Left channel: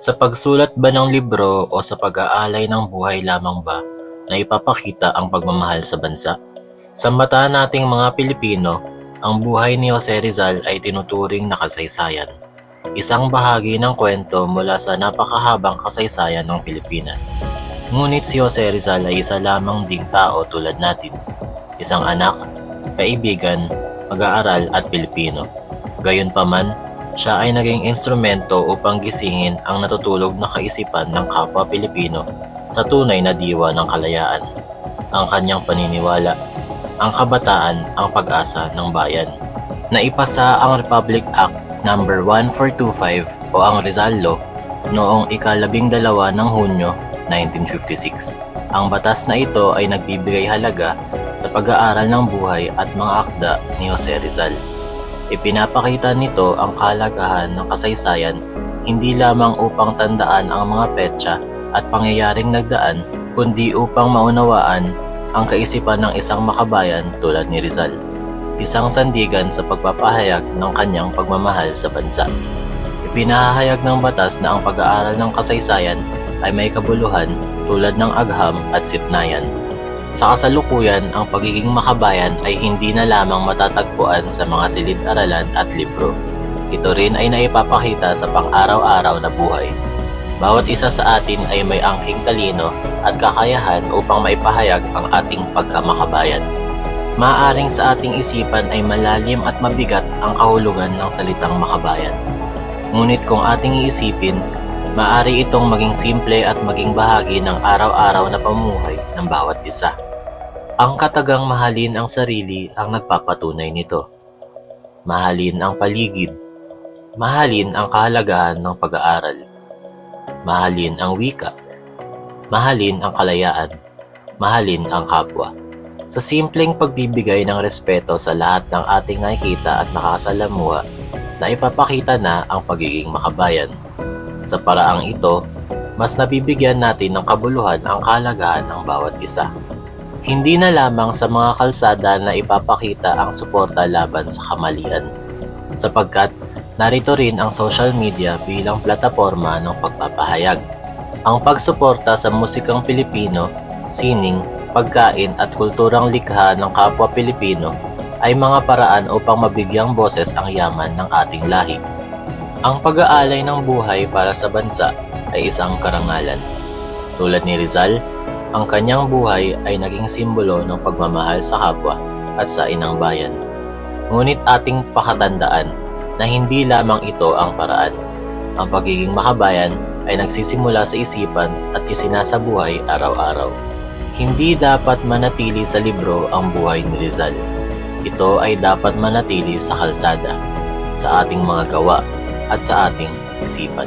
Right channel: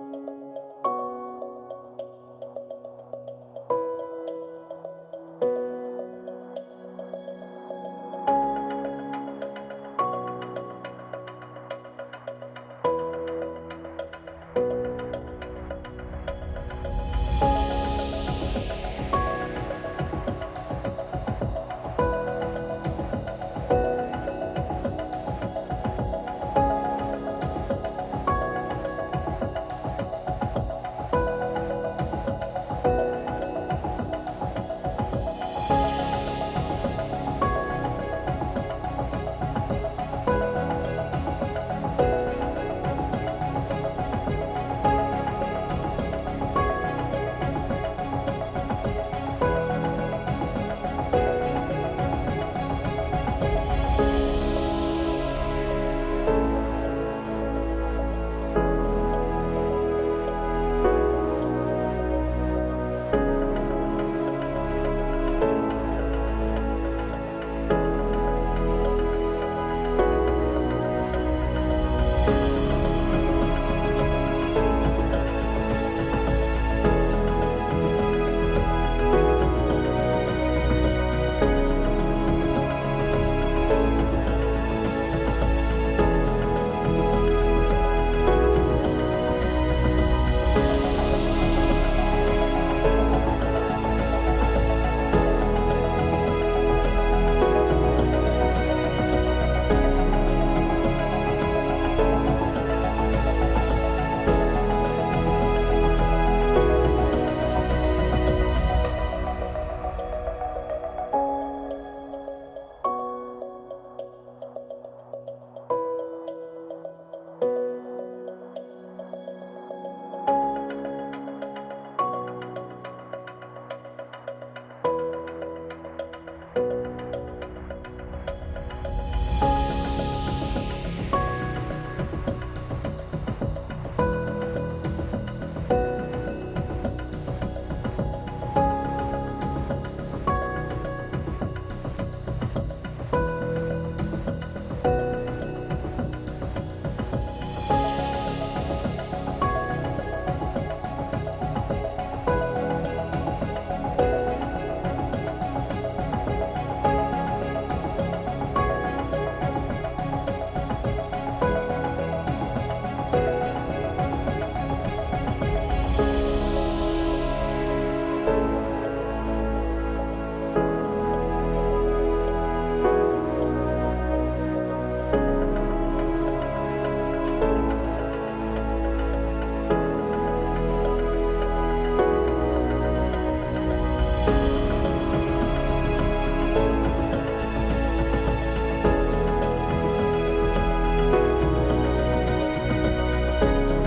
Sa pagsulat ba ng libro o sa pag-aalay ng buhay lamang ba na ipapakita ang pagmamahal sa bansa? Sa mata nating mga Pilipino, ang buhay ni Jose Rizal ay tinuturing na kasaysayan. Isang bahagi ng kwento mula sa napakahabang kasaysayan ng Pilipinas. Ngunit si Jose Rizal ay isa lamang ding tao tulad natin. Isang anak, kaibigan, mag-aaral at Pilipino. Gayunpaman, siya ay naging instrumento upang gisingin ang natutulog na kaisipan ng kapwa Pilipino sa tunay na diwa ng kalayaan. Ang kanyang paniniwala, ang kabataan ang pag-asa ng bayan. Naipasa ang Republic Act No. 1425 o ang Rizal Law noong ika-12 ng Hunyo 1956. Ang batas na ito ay nagbibigay halaga sa pag-aaral ng buhay at mga akda ni Jose Rizal. Ipinapakita nito ang kahalagahan ng kasaysayan hindi lamang upang tandaan ang mga petsa at pangyayaring nagdaan, kundi upang maunawaan ang kaisipan ng isang makabayan tulad ni Rizal. Isang sandigan sa pagpapahayag ng kanyang pagmamahal sa bansa. Ipinahayag ng batas na ang pag-aaral ng kasaysayan ay may kabuluhan tulad ng agham at sipnayan. Sa kasalukuyan, ang pagiging makabayan ay hindi na lamang matatagpuan sa mga silid-aralan at libro. Ito rin ay naipapakita sa pang-araw-araw na buhay. Bawat isa sa atin ay may angking talino at kakayahan upang maipahayag ang ating pagkamakabayan. Maaaring sa ating isipan ay malalim at mabigat ang kahulugan ng salitang makabayan. Ngunit kung ating iisipin, maaari itong maging simple at maging bahagi ng araw-araw na pamumuhay ng bawat isa. Ang katagang mahalin ang sarili ang nagpapatunay nito. Mahalin ang paligid. Mahalin ang kahalagahan ng pag-aaral. Mahalin ang wika. Mahalin ang kalayaan. Mahalin ang kapwa. Sa simpleng pagbibigay ng respeto sa lahat ng ating nakikita at nakasalamuha, na ipapakita na ang pagiging makabayan. Sa paraang ito, mas nabibigyan natin ng kabuluhan ang kahalagahan ng bawat isa. Hindi na lamang sa mga kalsada na ipapakita ang suporta laban sa kamalian, sapagkat narito rin ang social media bilang plataporma ng pagpapahayag. Ang pagsuporta sa musikang Pilipino, sining, pagkain at kulturang likha ng kapwa Pilipino ay mga paraan upang mabigyang boses ang yaman ng ating lahi. Ang pag-aalay ng buhay para sa bansa ay isang karangalan. Tulad ni Rizal, ang kanyang buhay ay naging simbolo ng pagmamahal sa kapwa at sa inang bayan. Ngunit ating pakatandaan na hindi lamang ito ang paraan. Ang pagiging makabayan ay nagsisimula sa isipan at isinasabuhay araw-araw. Hindi dapat manatili sa libro ang buhay ni Rizal. Ito ay dapat manatili sa kalsada, sa ating mga gawa at sa ating isipan.